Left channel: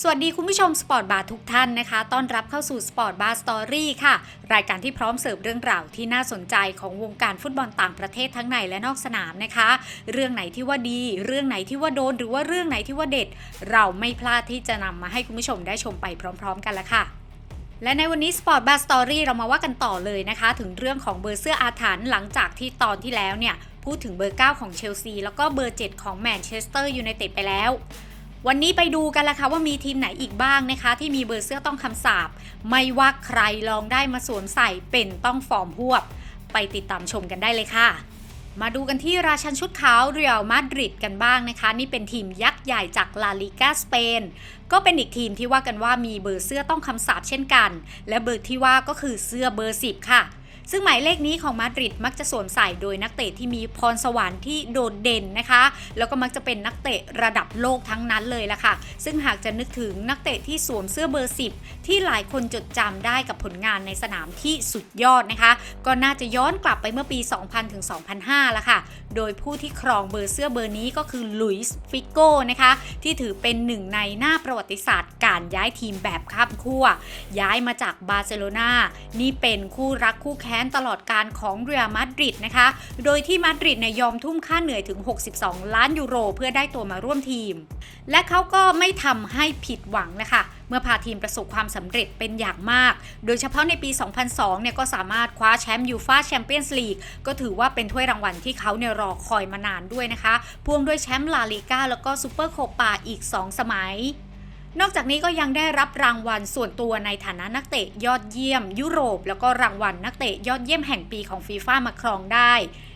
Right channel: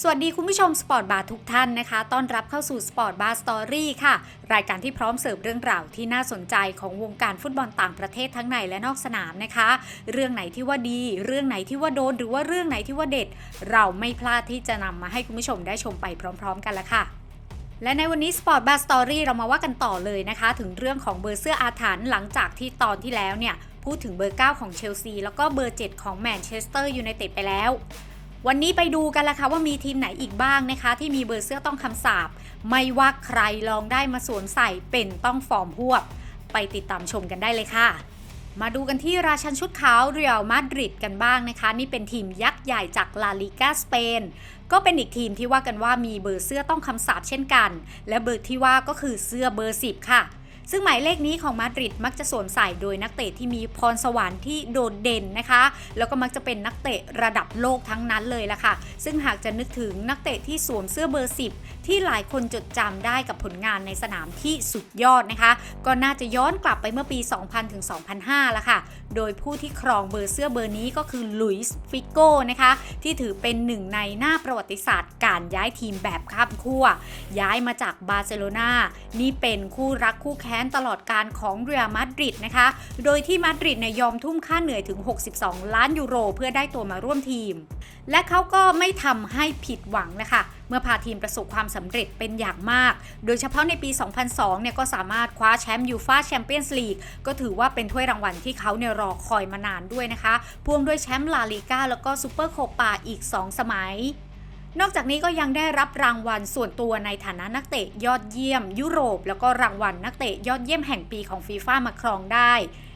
สวัสดีคุณผู้ชมสปอร์ตบาร์ทุกท่านนะคะ ต้อนรับเข้าสู่สปอร์ตบาร์สตอรี่ค่ะ รายการที่พร้อมเสิร์ฟเรื่องราวที่น่าสนใจของวงการฟุตบอลต่างประเทศทั้งในและนอกสนามนะคะ เรื่องไหนที่ว่าดี เรื่องไหนที่ว่าโดน หรือว่าเรื่องไหนที่ว่าเด็ด เราไม่พลาดที่จะนำมาให้คุณผู้ชมได้ชมไปพร้อม ๆ กันละค่ะและในวันนี้ Sport Bar Story เรามาว่ากันต่อเลยนะคะ ถึงเรื่องของเบอร์เสื้ออาถรรพ์หลังจากที่ตอนที่แล้วเนี่ย พูดถึงเบอร์ 9 ของเชลซี แล้วก็เบอร์ 7 ของแมนเชสเตอร์ยูไนเต็ดไปแล้ว วันนี้ไปดูกันละค่ะว่ามีทีมไหนอีกบ้างนะคะ ที่มีเบอร์เสื้อต้องคำสาปไม่ว่าใครลองได้มาสวมใส่เป็นต้องฟอร์มหวบ ไปติดตามชมกันได้เลยค่ะ มาดูกันที่ราชันชุดขาวเรียลมาดริดกันบ้างนะคะ นี่เป็นทีมยักษ์ใหญ่จากลาลิกาสเปนก็เป็นอีกทีมที่ว่ากันว่ามีเบอร์เสื้อต้องคำสาปเช่นกัน และเบอร์ที่ว่าก็คือเสื้อเบอร์ 10 ค่ะ ซึ่งหมายเลขนี้ของมาดริดมักจะสวมใส่โดยนักเตะที่มีพรสวรรค์ที่โดดเด่นนะคะ แล้วก็มักจะเป็นนักเตะระดับโลกทั้งนั้นเลยล่ะค่ะ ซึ่งหากจะนึกถึงนักเตะที่สวมเสื้อเบอร์ 10 ที่หลายคนจดจำได้กับผลงานในสนามที่สุดยอดนะคะ ก็น่าจะย้อนกลับไปเมื่อปี 2000ถึง2005ละค่ะ โดยผู้ที่ครองเบอร์เสื้อเบอร์นี้ก็คือลุยส์ฟิโก้นะคะ ที่ถือเป็นหนึ่งในหน้าประวัติศาสตร์การย้ายทีมแบบข้ามขั้วย้ายมาจากบาร์เซโลนานี่เป็นคู่รักคู่แข่งค้นตลอดการของเรียลมาดริดนะคะ โดยที่มาดริดเนี่ยยอมทุ่มค่าเหนื่อยถึง 62 ล้านยูโร เพื่อได้ตัวมาร่วมทีม และเขาก็ไม่ทำให้ผิดหวังนะคะ เมื่อพาทีมประสบความสำเร็จเป็นอย่างมาก โดยเฉพาะในปี 2002 เนี่ยก็สามารถคว้าแชมป์ยูฟ่าแชมเปี้ยนส์ลีกก็ถือว่าเป็นถ้วยรางวัลที่เขาเนี่ยรอคอยมานานด้วยนะคะ พ่วงด้วยแชมป์ลาลิก้าแล้วก็ซูเปอร์โคปาอีก 2 สมัย นอกจากนี้ก็ยังได้รับรางวัลส่วนตัวในฐานะนักเตะยอดเยี่ยม ยุโรป แล้วก็รางวัลนักเตะยอดเยี่ยมแห่งปีของฟีฟ่ามาครองได้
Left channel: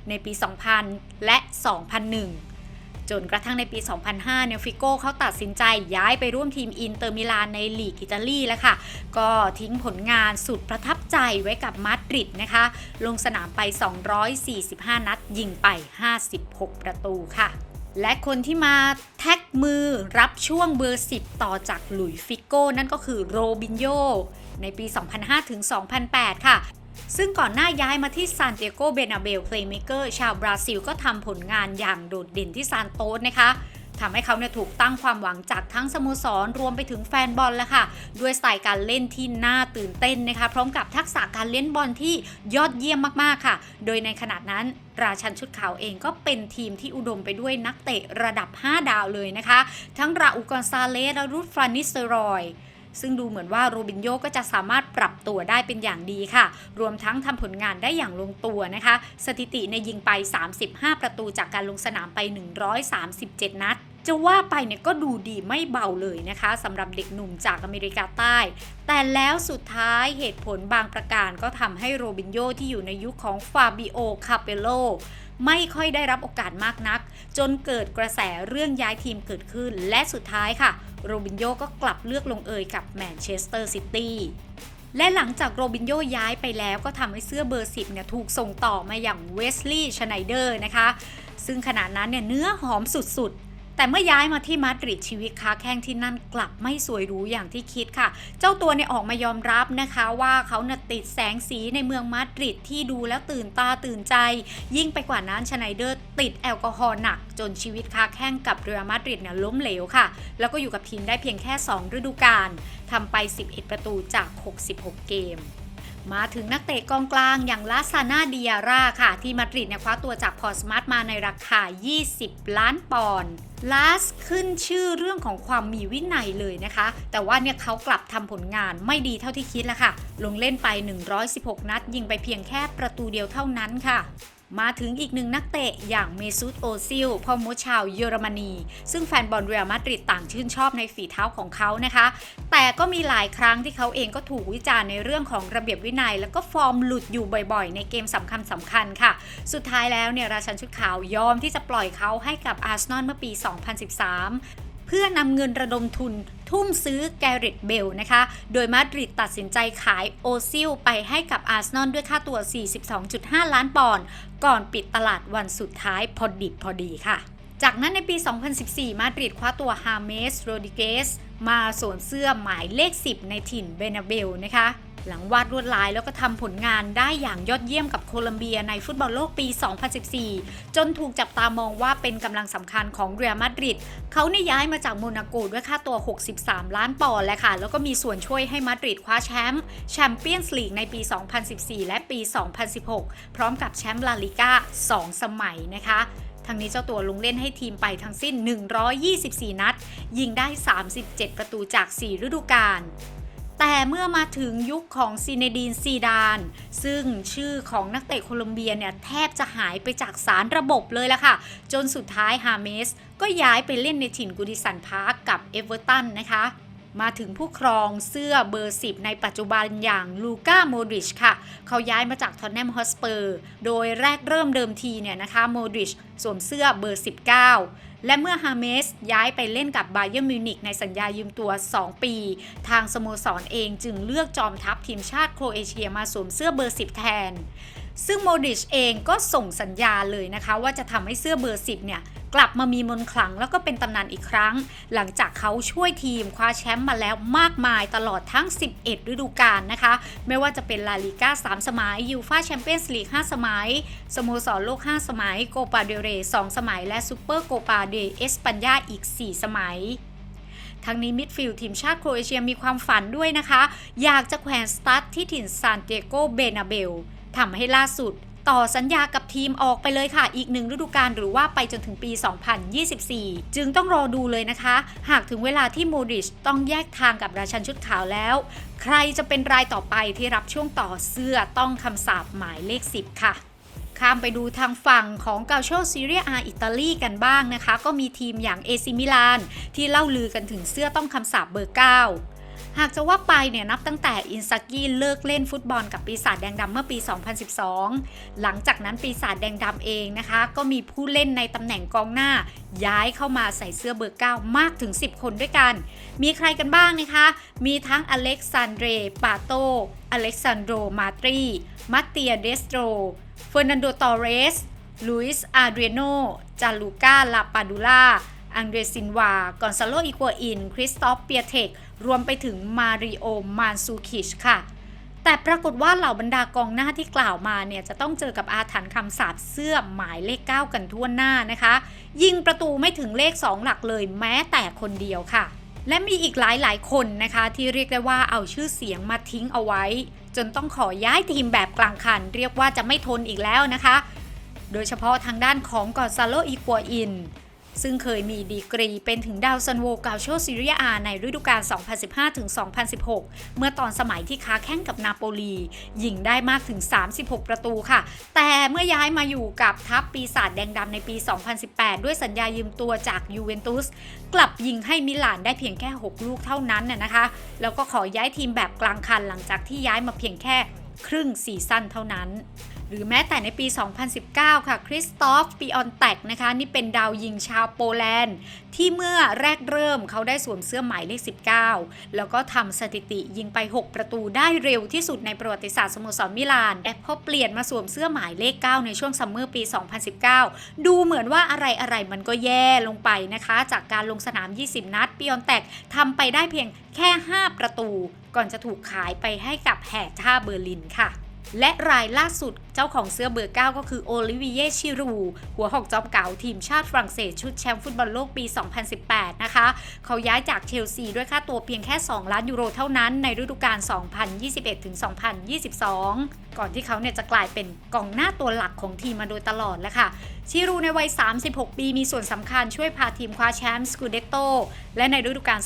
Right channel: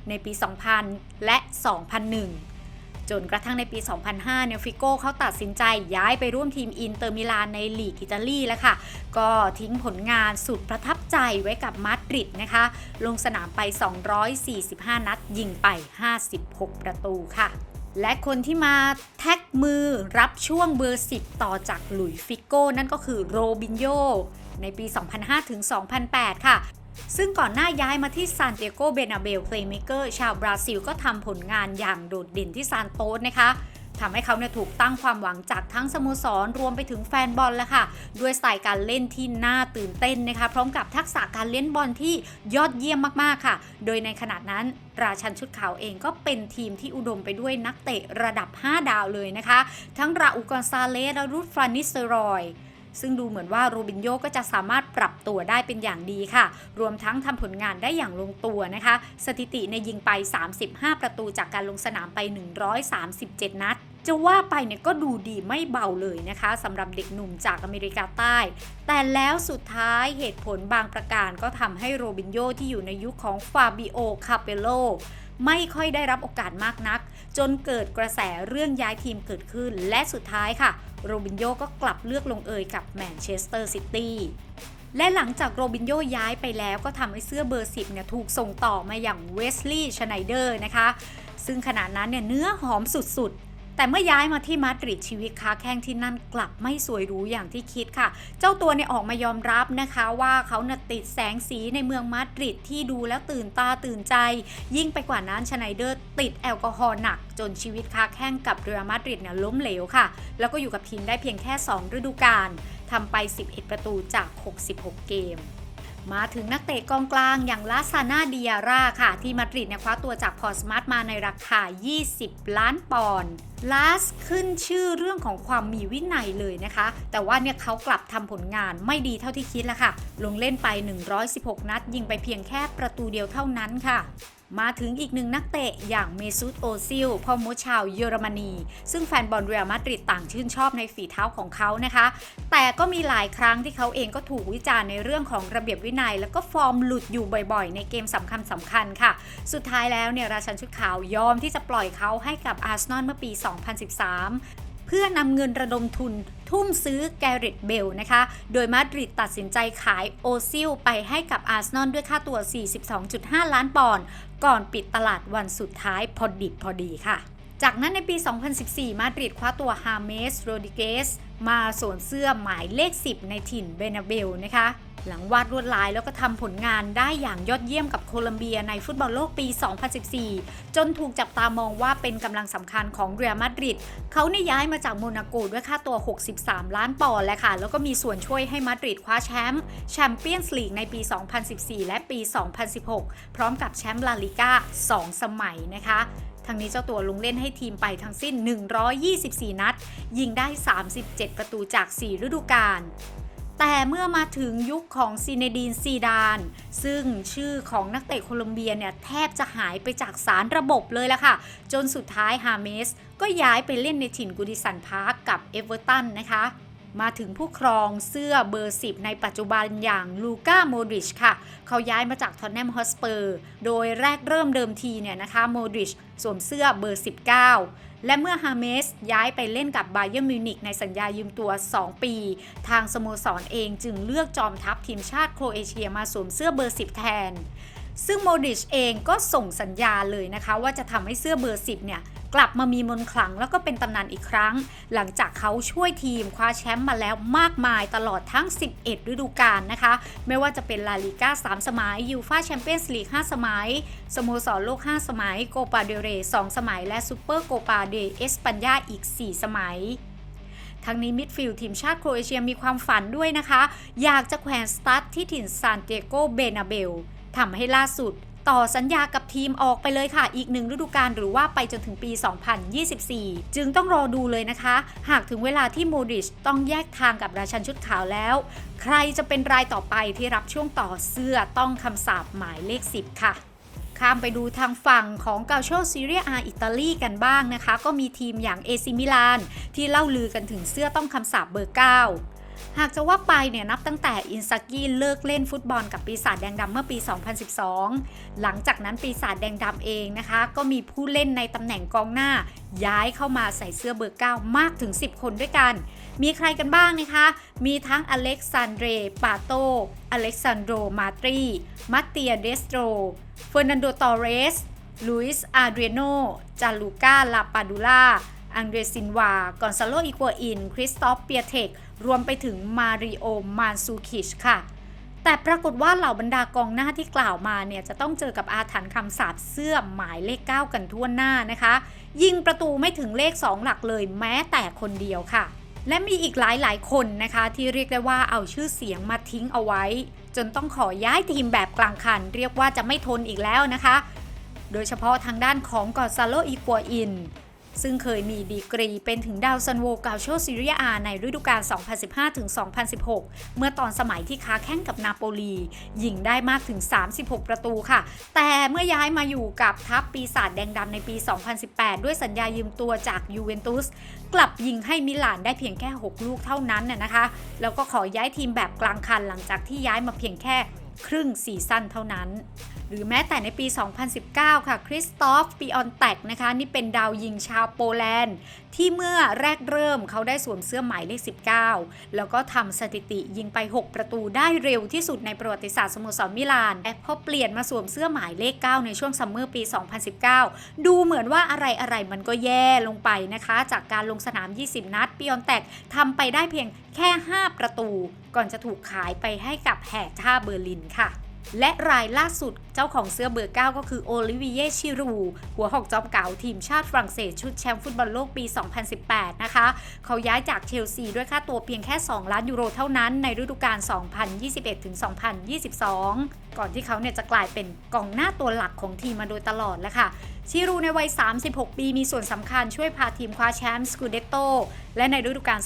ในปี 2000 และ 2001 จนกระทั่งในปี 2005 เนี่ยฟิโก้เขาตัดสินใจย้ายไปร่วมทีมอินเตอร์มิลานในลีกอิตาลีแล้วค่ะ ก็ทิ้งผลงานสุดประทับใจไว้กับมาดริดนะคะ ลงสนามไป 245 นัดยิงไป 56 ประตูค่ะ และคนที่มาแท็กมือรับช่วงเบอร์ 10 ต่อจากหลุยส์ฟิโก้ นั่นก็คือโรบินโยในปี 2005 ถึง 2008 ค่ะ ซึ่งก่อนหน้าย้ายมาที่ซานเตียโกเบนาเบลเพลย์เมเกอร์ชาวบราซิลก็ทำผลงานอย่างโดดเด่นที่ซานโตสนะคะ ทำให้เขาเนี่ยถูกตั้งความหวังจากทั้งสโมสรรวมไปถึงแฟนบอลแล้วค่ะ ด้วยสไตล์การเล่นที่น่าตื่นเต้นนะคะ พร้อมกับทักษะการเล่นบอลที่ยอดเยี่ยมมากๆค่ะ โดยในขณะนั้นราชันชุดขาวเองก็เป็นทีมที่อุดมไปด้วยนักเตะระดับ 5 ดาวเลยนะคะ ทั้งราอุกอนซาเลสและรูดฟรานิสเตรอย ซึ่งดูเหมือนว่าโรบินโยก็จะสามารถปรับตัวได้เป็นอย่างดีค่ะ รวมทั้งทำผลงานได้อย่างลงตัวนะคะ สถิติในยิงไป 35 ประตูจากการลงสนามไป 137 นัดจะว่าไปเนี่ยก็ดูดีไม่เบาเลยนะคะสำหรับเด็กหนุ่มจากอเมริกาใต้ แต่แล้วสุดท้ายเหตุผลบางประการก็ทำให้โรบินโยที่อยู่ในยุคของฟาบิโอ คาเปโล ไม่ค่อยได้รับโอกาสมากนัก จนเกิดกระแสเรื่องย้ายทีมเกิดขึ้น และสุดท้ายค่ะ โรบินโยก็กลับเลือกลงเอยกับแมนเชสเตอร์ซิตี้และหลังจากโรบินโยย้ายไปแล้วก็ทำให้เสื้อเบอร์ 10เนี่ยถูกส่งต่อมาอย่างเวสลีย์ชไนเดอร์นะคะ ซึ่งขณะนั้นเนี่ยเนื้อหอมสุด แต่เมื่อย้ายมาที่มาดริดชีวิตค้าแข้งที่นั่นกลับไม่สวยหรูอย่างที่คิดค่ะ เจ้าตัวเนี่ยออกมายอมรับนะคะว่าเขาน่ะติดแสงสีในเมืองมาดริดที่ดูแล้วตื่นตาตื่นใจ ยิ่งไปกว่านั้นชไนเดอร์ติดแอลกอฮอล์หนัก จนชีวิตค้าแข้งกับเรือมาดริดเนี่ยล้มเหลวค่ะ แล้วก็อยู่กับทีมได้เพียงแค่ 2 ฤดูกาลทำไป 11 ประตูจาก 66 เกม มาถึงนักเตะกองกลางอย่างลาซานาดิอาร่าค่ะ ที่มาดริดเนี่ยคว้าตัวจากพอร์สมาร์ทมาในราคา 20 ล้านปอนด์ลาสขึ้นชื่อเรื่องของความมีวินัยเลยนะคะ แต่ว่าเนี่ยเขากลับทำผลงานไม่ดีเท่าที่คิดแล้วค่ะ ลงเล่นไป 116 นัด ยิงไปเพียงแค่ประตูเดียวเท่านั้นค่ะ มาถึงอีกหนึ่งนักเตะอย่างเมซุตโอซิลพ่อมดชาวเยอรมนี ซึ่งแฟนบอลเรอัลมาดริดต่างชื่นชอบในฝีเท้าของเขานะคะ แต่ก็มีหลายครั้งที่เขาเองก็ถูกวิจารณ์ในเรื่องของระเบียบวินัย แล้วก็ฟอร์มหลุดอยู่บ่อยๆ ในเกมสำคัญสำคัญๆค่ะ สุดท้ายแล้วเนี่ยราชันชุดขาวยอมที่จะปล่อยเขาให้กับอาร์เซนอลเมื่อปี 2013 เพื่อนำเงินระดมทุน ทุ่มซื้อแกริตเบลนะคะ โดยมาดริดตัดสินใจขายโอซิลไปให้กับอาร์เซนอลด้วยค่าตัว 42.5 ล้านปอนด์ก่อนปิดตลาดวันสุดท้ายพอดิบพอดีค่ะ จากนั้นในปี 2014 มาดริดคว้าตัวฮาเมสโรดิเกส มาสวมเสื้อหมายเลข 10 ในถิ่นเบนาเบลนะคะ หลังวาดลวดลายแล้วก็ทำผลงานได้อย่างยอดเยี่ยมกับโคลัมเบียในฟุตบอลโลกปี 2014 จนถูกจับตามองว่าเป็นกำลังสำคัญของเรอัลมาดริดเขาเนี่ยย้ายมาจากโมนาโกด้วยค่าตัว 63 ล้านปอนด์แหละค่ะ แล้วก็มีส่วนช่วยให้มาดริดคว้าแชมป์แชมเปี้ยนส์ลีกในปี 2014 และปี 2016 พร้อมกับแชมป์ลาลิก้า 2 สมัยนะคะ ทั้งนี้เจ้าตัวลงเล่นให้ทีมไปทั้งสิ้น 124 นัด ยิงได้ 37 ประตูจาก 4 ฤดูกาลแต่เมื่อมาถึงยุคของซีเนดีนซีดาน ซึ่งชื่อของนักเตะโคลอมเบียเนี่ยแทบจะหายไปจากสารระบบเลยละค่ะ จนสุดท้ายฮาเมส ก็ย้ายไปเล่นในถิ่นกูดิสันพาร์กกับเอเวอร์ตันนะคะ มาถึงผู้ครองเสื้อเบอร์ 10 ในปัจจุบันอย่างลูก้าโมดริชค่ะ เขาย้ายมาจากทอนแนมฮอสเปอร์ โดยแรกเริ่มเดิมทีเนี่ยนะคะโมดริชสวมเสื้อเบอร์ 19 และเมื่อฮาเมสย้ายไปเล่นกับไบเยอร์มิวนิกในสัญญายืมตัว 2 ปี ทางสโมสรเองจึงเลือกจอมทัพทีมชาติโครเอเชียมาสวมเสื้อเบอร์ 10 แทน ซึ่งโมดริชเองก็ส่งสัญญาเลยนะคะ ว่าจะทำให้เสื้อเบอร์ 10 เนี่ย กลับมามีมนต์ขลังแล้วก็เป็นตำนานอีกครั้ง หลังจากเขาช่วยทีมคว้าแชมป์มาแล้วมากมายตลอดทั้ง 11 ฤดูกาลนะคะ ไม่ว่าจะเป็นลาลิก้า 3 สมัยยูฟาแชมเปี้ยนส์ลีก 5 สมัย สโมสรโลก 5 สมัย โกปาเดเร 2 สมัย และซูเปอร์โกปาเดเอสปัญญาอีก 4 สมัยทั้งนี้มิดฟิลด์ทีมชาติโครเอเชียมีความฝันด้วยนะคะ อยากจะแขวนสตาร์ทที่ถิ่นซานเตโกเบนาเบล ทำให้ล่าสุด ต่อสัญญากับทีมออกไปเลยค่ะ อีกหนึ่งฤดูกาลหรือว่าไปจนถึงปี 2024 จึงต้องรอดูเลยนะคะ หากถึงเวลาที่โมดริชต้องแยกทางกับราชันชุดขาวแล้ว ใครจะเป็นรายต่อไปที่รับช่วงต่อเสื้อต้องคำสาปหมายเลข 10 ค่ะข้ามไปดูทางฝั่งของเกาโชซีเรียอาอิตาลีกันบ้างนะคะ ก็มีทีมอย่างเอซิมิลานที่เล่าลือกันถึงเสื้อต้องคำสาปเบอร์ 9 หากจะว่าไปเนี่ยนับตั้งแต่อินซากิเลิกเล่นฟุตบอลกับปีศาจแดงดำเมื่อปี 2012 หลังจากนั้นปีศาจแดงดำเองนะคะ ก็มีผู้เล่นในตำแหน่งกองหน้า ย้ายเข้ามาใส่เสื้อเบอร์ 9 มากถึง 10 คนด้วยกัน มีใครกันบ้างนะคะ มีทั้งอเล็กซานเดร ปาโต อเล็กซานโด มาตรีมัตเตียเดสโตรเฟอร์นันโด ตอเรสลุยส์อาเดรโนจาลูก้าลาปาดูล่า อังเดรซินวา กอนซาโลอิกัวอิน คริสตอฟเปียเทกรวมไปถึงมาริโอ มานซูคิชค่ะ แต่ปรากฏว่าเหล่าบรรดากองหน้าที่กล่าวมาเนี่ย จะต้องเจอกับอาถรรพ์คำสาปเสื้อหมายเลข 9 กันทั่วหน้านะคะ ยิงประตูไม่ถึงเลข 2 หลักเลยแม้แต่คนเดียวค่ะ และมีอีกหลายหลายคนนะคะ ที่เรียกได้ว่าเอาชื่อเสียงมาทิ้งเอาไว้ จนต้องขอย้ายทีมแบบกลางคัน เรียกว่าจะไม่ทนอีกแล้วนะคะ โดยเฉพาะทางด้านของกอนซาโลอีกัวอิน ซึ่งเคยมีดีกรีเป็นถึงดาวซันโวกาโชซีเรียอาในฤดูกาล 2015-2016 เมื่อตอนสมัยที่ค้าแข่งกับนาโปลียิงได้มากถึง 36 ประตูค่ะ แต่เมื่อย้ายมาอยู่กับทัพปีศาจแดงดำในปี 2018 ด้วยสัญญายืมตัวจากยูเวนตุสกลับยิงให้มิลานได้เพียงแค่ 6 ลูกเท่านั้นน่ะนะคะ แล้วก็ขอย้ายทีมแบบกลางคันหลังจากที่ย้ายมาเพียงแค่ครึ่งซีซั่นเท่านั้น หรือแม้แต่ในปี 2019 ค่ะคริสตอฟปิออนแตกนะคะ นี่เป็นดาวยิงชาวโปแลนด์ ที่เมื่อแรกเริ่มเขาได้สวมเสื้อหมายเลข 19 แล้วก็ทำสถิติยิงไป 6 ประตูได้เร็วที่สุดในประวัติศาสตร์สโมสรมิลานแต่พอเปลี่ยนมาสวมเสื้อหมายเลข 9 ในช่วงซัมเมอร์ปี 2019 ดูเหมือนว่าอะไรอะไรมันก็แย่ลงไปนะคะ จากการลงสนาม 20 นัดปิออนแตกทำไปได้เพียงแค่ 5 ประตู ก่อนจะถูกขายไปให้กับแห่ท่าเบอร์ลินค่ะ และรายล่าสุด เจ้าของเสื้อเบอร์ 9 ก็คือโอลิเวิเยชิรู หัวหอกจอมเก่าทีมชาติฝรั่งเศสชุดแชมป์ฟุตบอลโลกปี 2018 นะคะ เขาย้ายจากเชลซีด้วยค่าตัวเพียงแค่ 2 ล้านยูโรเท่านั้นในฤดูกาล 2021-2022 ก่อนที่เขาเนี่ยจะกลายเป็นกองหน้าตัวหลักของทีมมาโดยตลอดแล้วค่ะชิรูในวัย 36 ปีมีส่วนสำคัญช่วยพาทีมคว้าแชมป์สกูเดโตและในฤดูกาล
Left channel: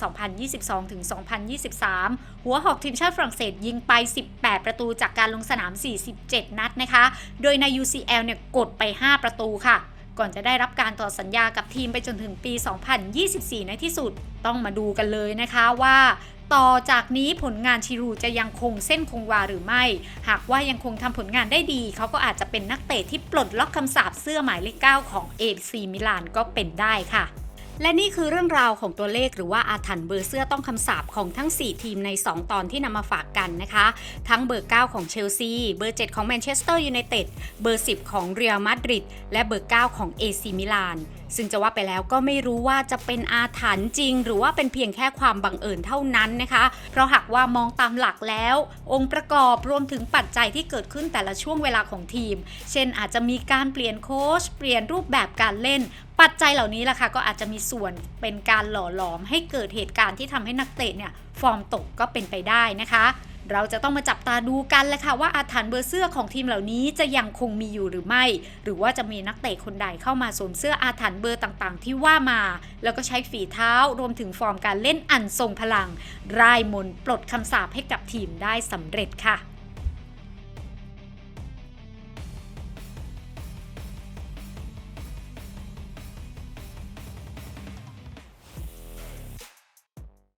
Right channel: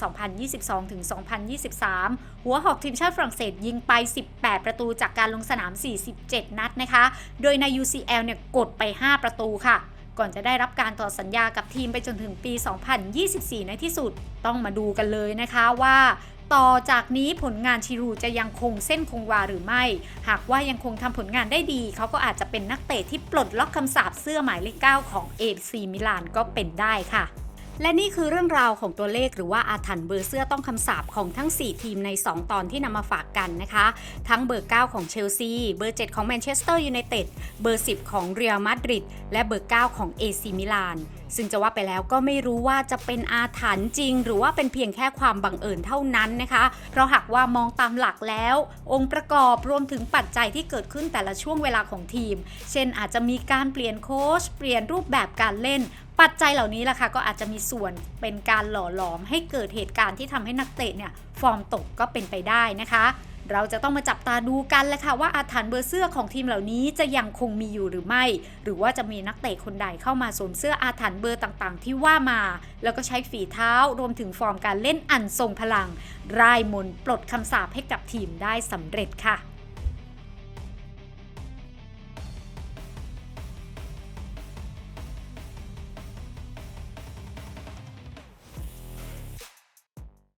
2022-2023 หัวหอกทีมชาติฝรั่งเศสยิงไป 18 ประตูจากการลงสนาม 47 นัดนะคะโดยใน UCL เนี่ยกดไป 5 ประตูค่ะ ก่อนจะได้รับการต่อสัญญากับทีมไปจนถึงปี 2024 ในที่สุด ต้องมาดูกันเลยนะคะว่าต่อจากนี้ผลงานชิรูจะยังคงเส้นคงวาหรือไม่ หากว่ายังคงทำผลงานได้ดี เขาก็อาจจะเป็นนักเตะที่ปลดล็อกคำสาปเสื้อหมายเลข 9 ของ AC มิลานก็เป็นได้ค่ะ และนี่คือเรื่องราวของตัวเลขหรือว่าอาถรรพ์เบอร์เสื้อต้องคำสาปของทั้ง 4 ทีมใน 2 ตอนที่นำมาฝากกันนะคะ ทั้งเบอร์ 9 ของเชลซี เบอร์ 7 ของแมนเชสเตอร์ยูไนเต็ด เบอร์ 10 ของเรอัลมาดริด และเบอร์ 9 ของเอซีมิลาน ซึ่งจะว่าไปแล้วก็ไม่รู้ว่าจะเป็นอาถรรพ์จริง หรือว่าเป็นเพียงแค่ความบังเอิญเท่านั้นนะคะ เพราะหากว่ามองตามหลักแล้ว องค์ประกอบรวมถึงปัจจัยที่เกิดขึ้นแต่ละช่วงเวลาของทีม เช่นอาจจะมีการเปลี่ยนโค้ช เปลี่ยนรูปแบบการเล่น ปัจจัยเหล่านี้ล่ะค่ะก็อาจจะมีส่วนเป็นการหล่อหลอมให้เกิดเหตุการณ์ที่ทำให้นักเตะเนี่ยฟอร์มตกก็เป็นไปได้นะคะ เราจะต้องมาจับตาดูกันแหละค่ะว่าอาถรรพ์เบอร์เสื้อของทีมเหล่านี้จะยังคงมีอยู่หรือไม่ หรือว่าจะมีนักเตะคนใดเข้ามาสวมเสื้ออาถรรพ์เบอร์ต่างๆ ที่ว่ามา แล้วก็ใช้ฝีเท้ารวมถึงฟอร์มการเล่นอันทรงพลัง รายมนปลดคำสาปให้กับทีมได้สำเร็จค่ะ